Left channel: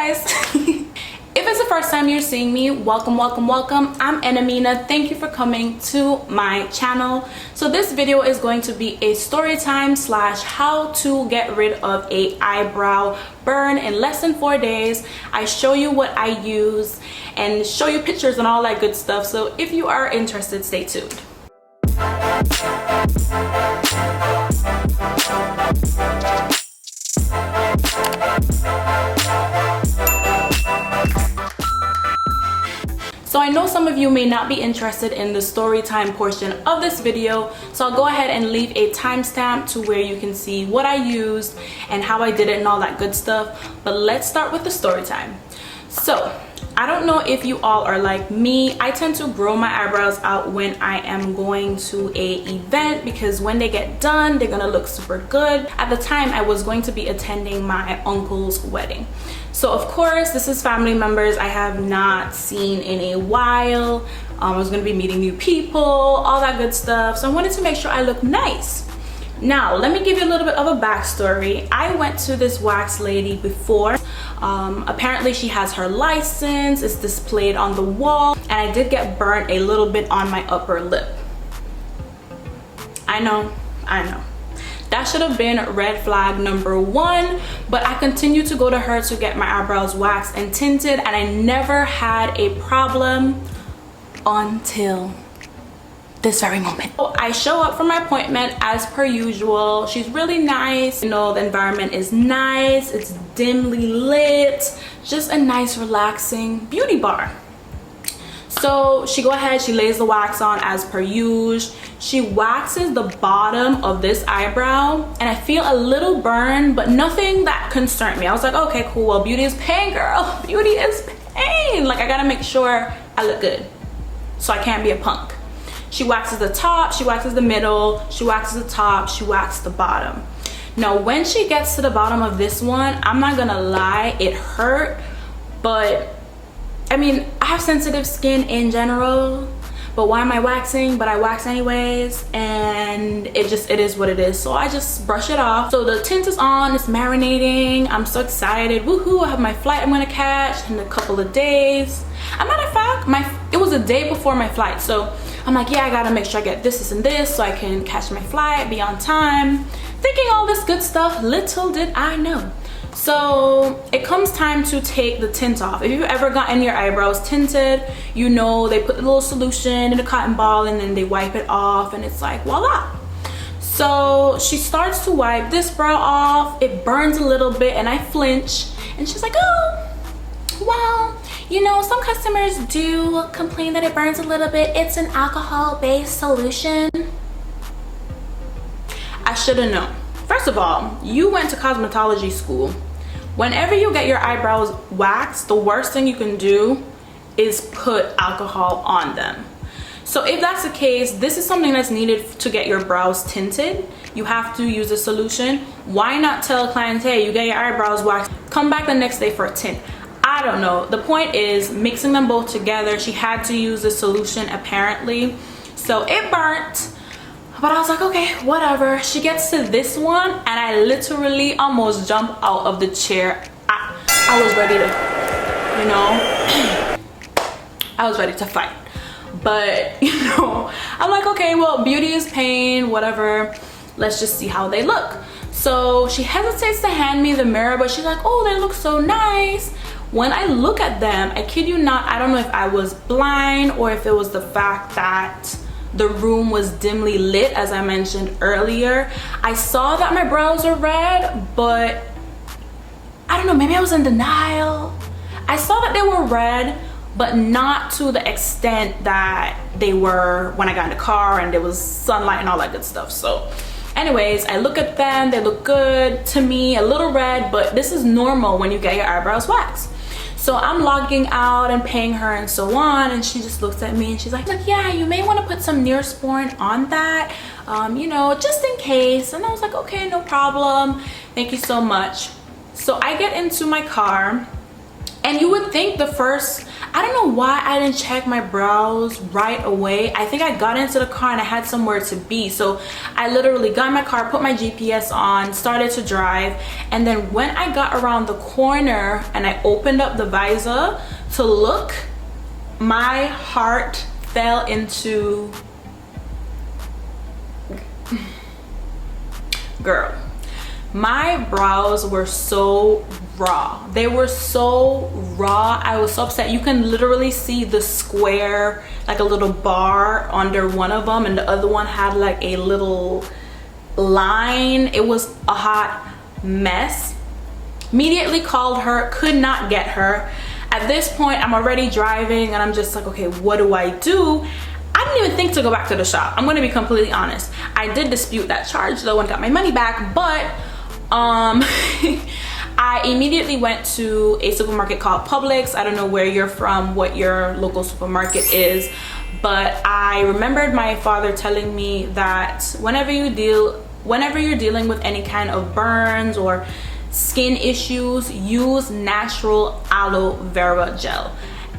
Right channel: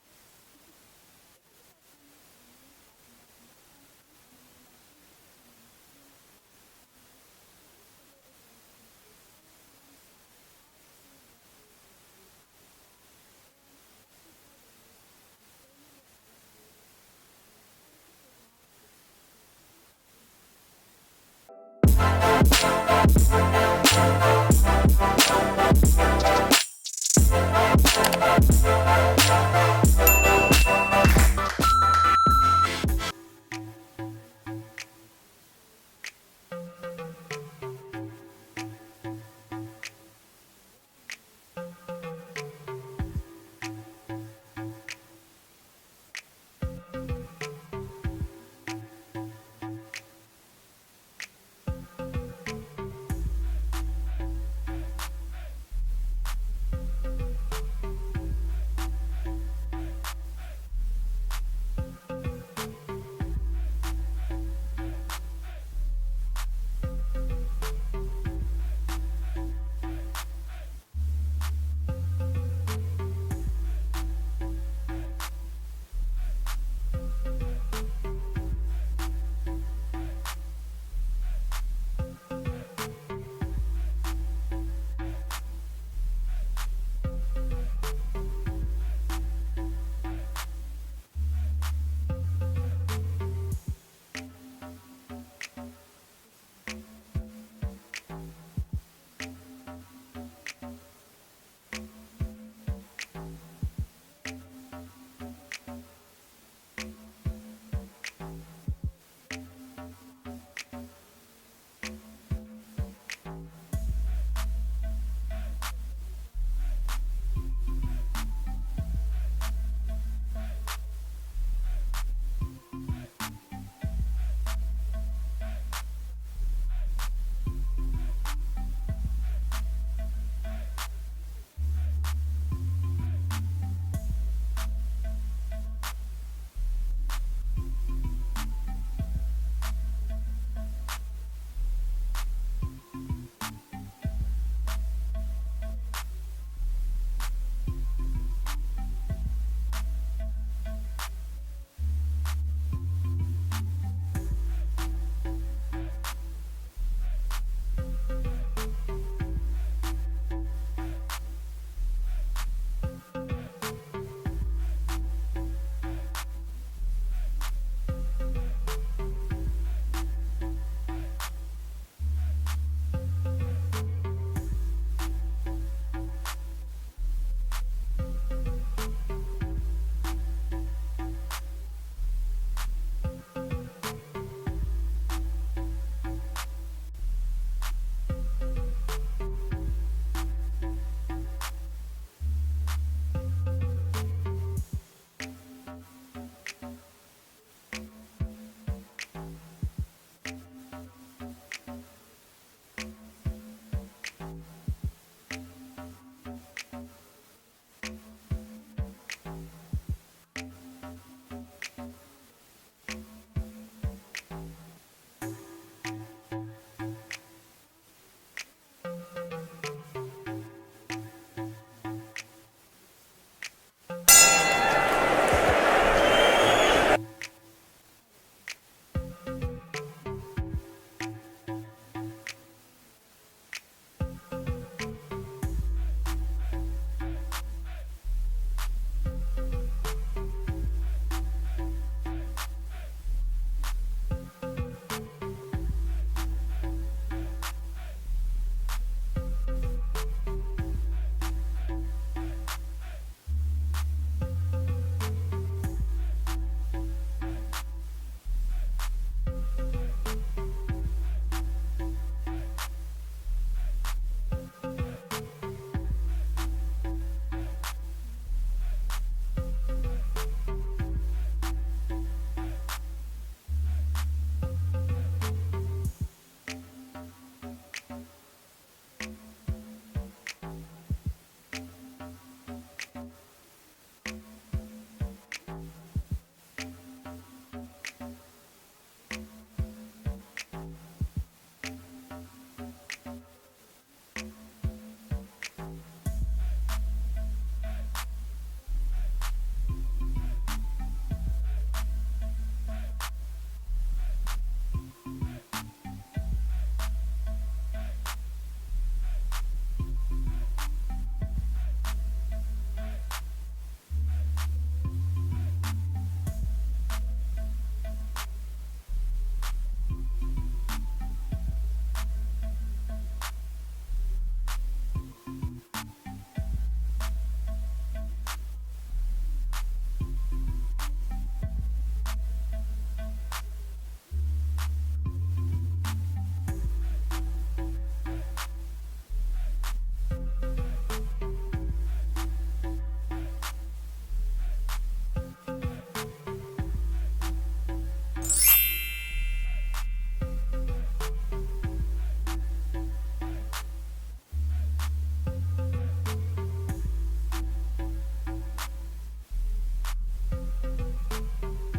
guys. If it's the first time you're seeing me, welcome, welcome, welcome. I'm Enamina. Thank you for coming to my channel. So this video is going to be a story time slash how to get rid of a eyebrow burn in less than 4 days. I show you what I use and show you pictures and all that good stuff. So if you are interested, stay tuned. So I know some of you may not be interested in the story time portion of this video, so I'll go ahead and leave a timestamp to where you can see what I used and how I did it and all that good stuff. But let's start with the story time. So I don't know if you all are like me. I tend to grow my eyebrows out when I am going to a event because when they get done, they're gonna look super good. At the time, I was going to be attending my uncle's wedding. So of course, this is family members I have not seen in a while. I was gonna be meeting new people, all that good stuff. So I wanted to make sure I look nice. Now, let me give you a little bit of a backstory. I went to this wax lady before. Apparently she has her license, it's displayed on the wall, and I did get burnt a little bit on my upper lip. I know. That should have been red flag number 1, but I continued to go to her to get my eyebrows waxed and tinted, and I never had a problem until this very moment. So I show up for my appointment as per usual. She's really nice. You know, the environment is nice. It's dimly lit. Just a nice, relaxing beauty bar. So she go ahead, she lays the wax on as per usual. She waxes the bottom of this eyebrow and I feel a little burn, but nothing that concerned me. I was like, okay, cool. Well, beauty is pain, girl. Beauty is pain. Like, I gotta make sure I look good. So I can't be a punk. She waxes the top, she waxes the middle, she waxes the top, she waxes the bottom. Now, when she gets to the bottom of this one, I'm not gonna lie, it hurt, but I mean, I have sensitive skin in general, but why am I waxing? But I wax anyways, and it is what it is. So I just brush it off. So the tint is on, it's marinating. I'm so excited, woohoo, I have my flight I'm gonna catch in a couple of days. As a matter of fact, it was a day before my flight, so I'm like, yeah, I gotta make sure I get this and this so I can catch my flight, be on time, thinking all this good stuff. Little did I know. So it comes time to take the tint off. If you've ever gotten your eyebrows tinted, you know they put a little solution in a cotton ball and then they wipe it off and it's like, voila. So she starts to wipe this brow off. It burns a little bit and I flinch and she's like, oh, well, you know, some customers do complain that it burns a little bit. It's an alcohol-based solution. I should have known. First of all, you went to cosmetology school. Whenever you get your eyebrows waxed, the worst thing you can do is put alcohol on them. So if that's the case, this is something that's needed to get your brows tinted. You have to use a solution. Why not tell a client, hey, you get your eyebrows waxed, come back the next day for a tint? I don't know. The point is mixing them both together. She had to use a solution apparently. So it burnt, but I was like, okay, whatever. She gets to this one and I literally almost jump out of the chair. I was ready to, I was ready to fight. But, I'm like, okay, well, beauty is pain, whatever. Let's just see how they look. So she hesitates to hand me the mirror, but she's like, oh, they look so nice. When I look at them, I kid you not, I don't know if I was blind or if it was the fact that the room was dimly lit, as I mentioned earlier. I saw that my brows were red, but I don't know, maybe I was in denial. I saw that they were red, but not to the extent that they were when I got in the car and there was sunlight and all that good stuff. So anyways, I look at them, they look good to me, a little red, but this is normal when you get your eyebrows waxed. So I'm logging out and paying her and so on, and she just looks at me and she's like, yeah, you may want to put some Neosporin on that, just in case. And I was like, okay, no problem. Thank you so much. So I get into my car And you would think the first, I don't know why I didn't check my brows right away. I think I got into the car and I had somewhere to be. So I literally got in my car, put my GPS on, started to drive. And then when I got around the corner and I opened up the visor to look, my heart fell into, girl, my brows were so raw. They were so raw. I was so upset. You can literally see the square, like a little bar under one of them, and the other one had like a little line. It was a hot mess. Immediately called her, could not get her. At this point, I'm already driving and I'm just like, okay, what do I do? I didn't even think to go back to the shop. I'm gonna be completely honest. I did dispute that charge though and got my money back, but I immediately went to a supermarket called Publix. I don't know where you're from, what your local supermarket is, but I remembered my father telling me that whenever you're dealing with any kind of burns or skin issues, use natural aloe vera gel.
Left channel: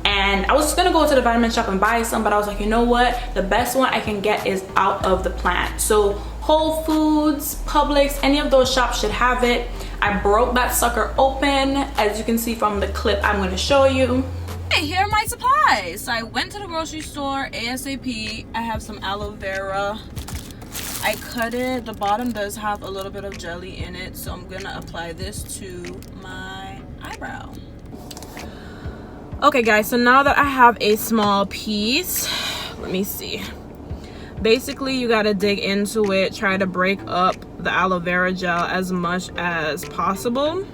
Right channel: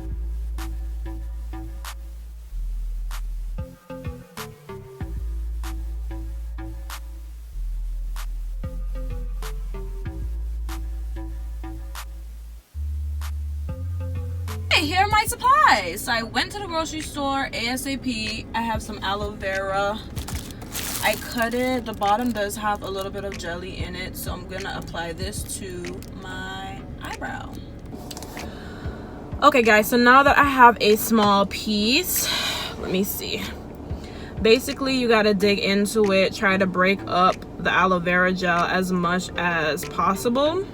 And I was just gonna go to the vitamin shop and buy some, but I was like, you know what, the best one I can get is out of the plant. So Whole Foods, Publix, any of those shops should have it. I broke that sucker open, as you can see from the clip I'm going to show you. Hey, here are my supplies. So I went to the grocery store ASAP. I have some aloe vera. I cut it. The bottom does have a little bit of jelly in it, so I'm gonna apply this to my eyebrow. Okay guys, so now that I have a small piece, let me see. Basically, you gotta dig into it, try to break up the aloe vera gel as much as possible.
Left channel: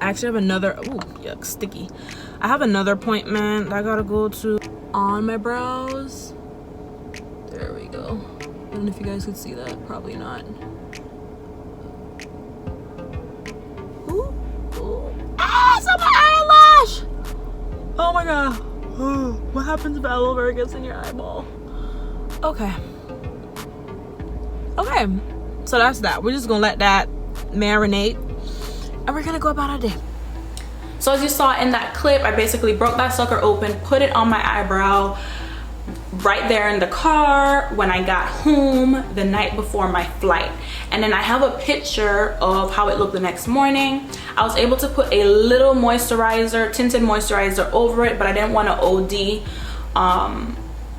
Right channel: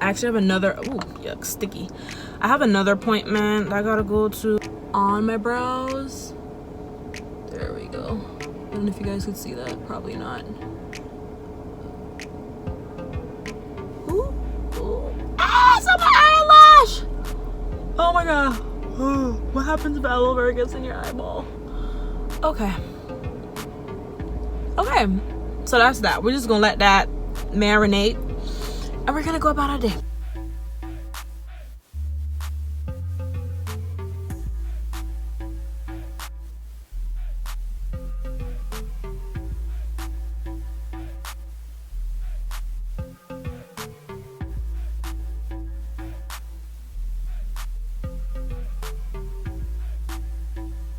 I actually have another, ooh, yuck, sticky. I have another appointment I gotta go to on my brows. There we go. I don't know if you guys could see that, probably not. Ooh, ooh. Ah, it's on my eyelash! Oh my god. What happens if aloe vera gets in your eyeball? Okay, so that's that. We're just gonna let that marinate and we're gonna go about our day. So as you saw in that clip, I basically broke that sucker open, put it on my eyebrow right there in the car when I got home the night before my flight. And then I have a picture of how it looked the next morning. I was able to put a little moisturizer, tinted moisturizer over it, but I didn't want to OD.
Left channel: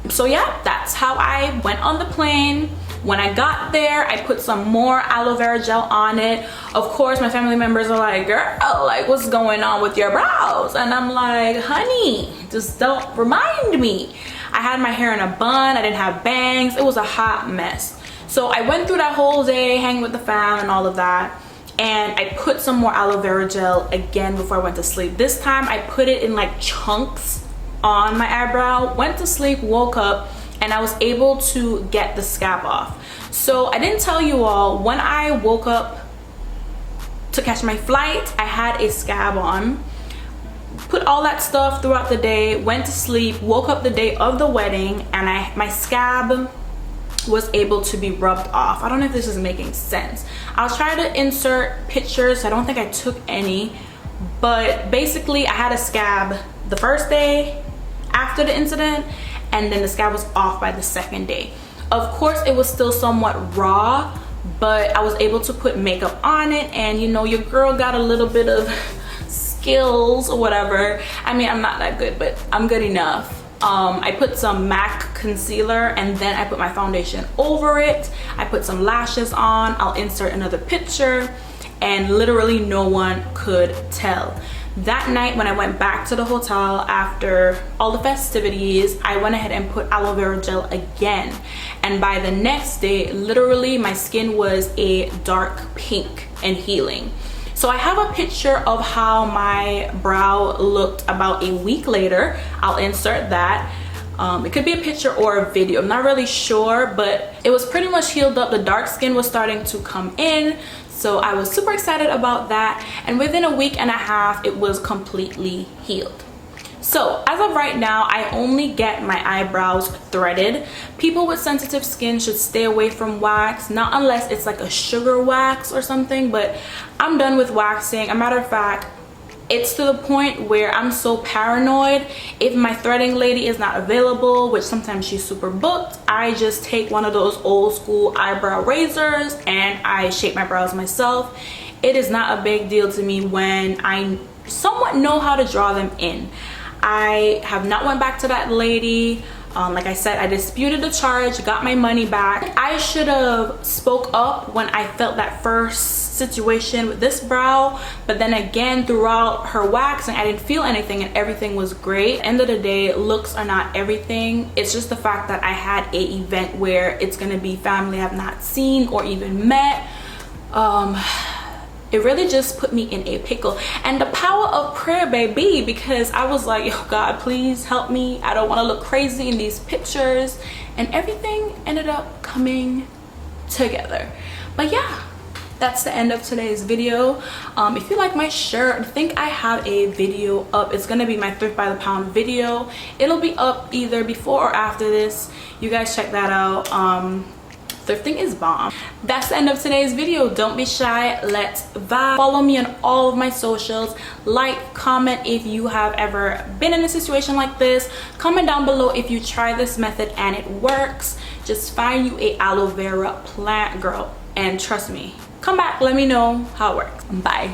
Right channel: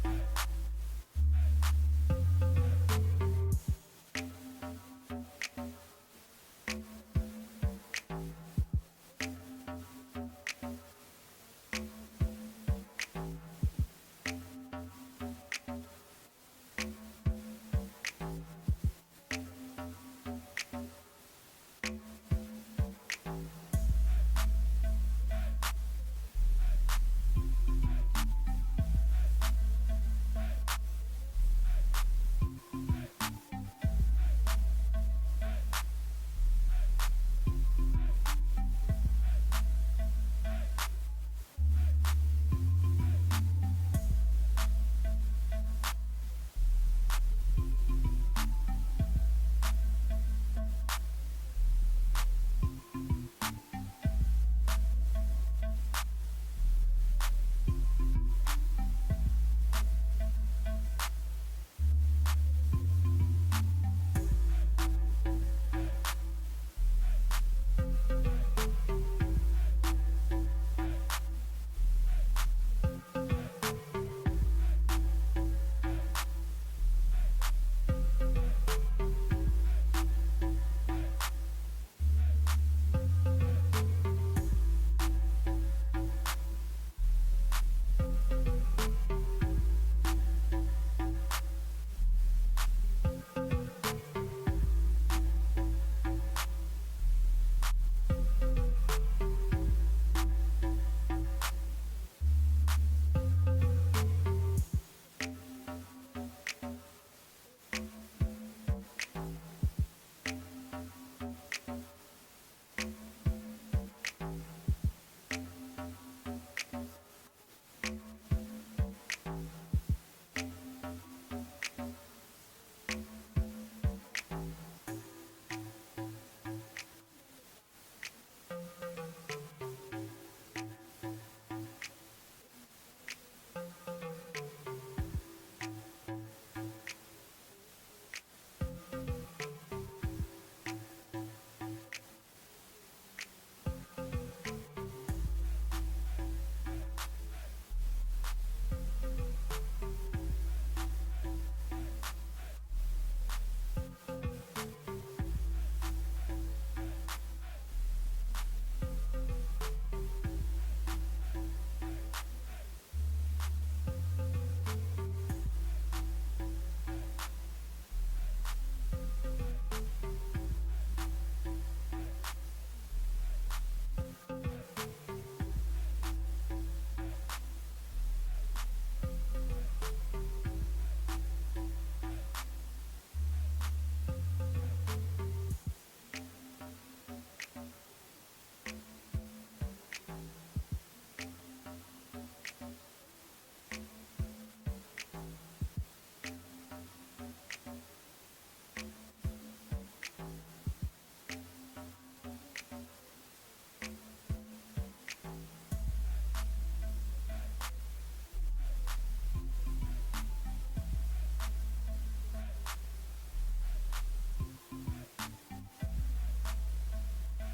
So yeah, that's how I went on the plane. When I got there, I put some more aloe vera gel on it. Of course, my family members are like, girl, like what's going on with your brows? And I'm like, honey, just don't remind me. I had my hair in a bun, I didn't have bangs. It was a hot mess. So I went through that whole day hanging with the fam and all of that. And I put some more aloe vera gel again before I went to sleep. This time I put it in like chunks on my eyebrow, went to sleep, woke up, and I was able to get the scab off. So I didn't tell you all, when I woke up to catch my flight, I had a scab on. Put all that stuff throughout the day, went to sleep, woke up the day of the wedding, and my scab was able to be rubbed off. I don't know if this is making sense. I'll try to insert pictures. I don't think I took any, but basically I had a scab the first day after the incident, and then the scab was off by the second day. Of course, it was still somewhat raw, but I was able to put makeup on it, and you know, your girl got a little bit of skills or whatever. I mean, I'm not that good, but I'm good enough. I put some MAC concealer and then I put my foundation over it. I put some lashes on. I'll insert another picture, and literally no one could tell. That night when I went back to the hotel after all the festivities, I went ahead and put aloe vera gel again. And by the next day, literally my skin was a dark pink and healing. So I have a picture of how my brow looked about a week later. I'll insert that. It could be a picture or a video, I'm not really sure, but it was pretty much healed up. The dark skin was starting to come in. So I was super excited about that, and within a week and a half it was completely healed. So as of right now, I only get my eyebrows threaded. People with sensitive skin should stay away from wax, not unless it's like a sugar wax or something, but I'm done with waxing. A matter of fact, It's to the point where I'm so paranoid. If my threading lady is not available, which sometimes she's super booked, I just take one of those old school eyebrow razors and I shape my brows myself. It is not a big deal to me when I somewhat know how to draw them in. I have not went back to that lady. Like I said, I disputed the charge, got my money back. I should have spoke up when I felt that first situation with this brow, but then again, throughout her waxing, I didn't feel anything and everything was great. End of the day, looks are not everything. It's just the fact that I had a event where it's gonna be family I've not seen or even met. It really just put me in a pickle, and the power of prayer, baby, because I was like, oh God, please help me. I don't want to look crazy in these pictures, and everything ended up coming together. But yeah, that's the end of today's video. If you like my shirt, I think I have a video up. It's gonna be my thrift by the pound video. It'll be up either before or after this. You guys check that out. Thrifting is bomb. That's the end of today's video. Don't be shy, let's vibe. Follow me on all of my socials. Like, comment if you have ever been in a situation like this. Comment down below if you try this method and it works. Just find you a aloe vera plant, girl, and trust me, come back, let me know how it works. Bye.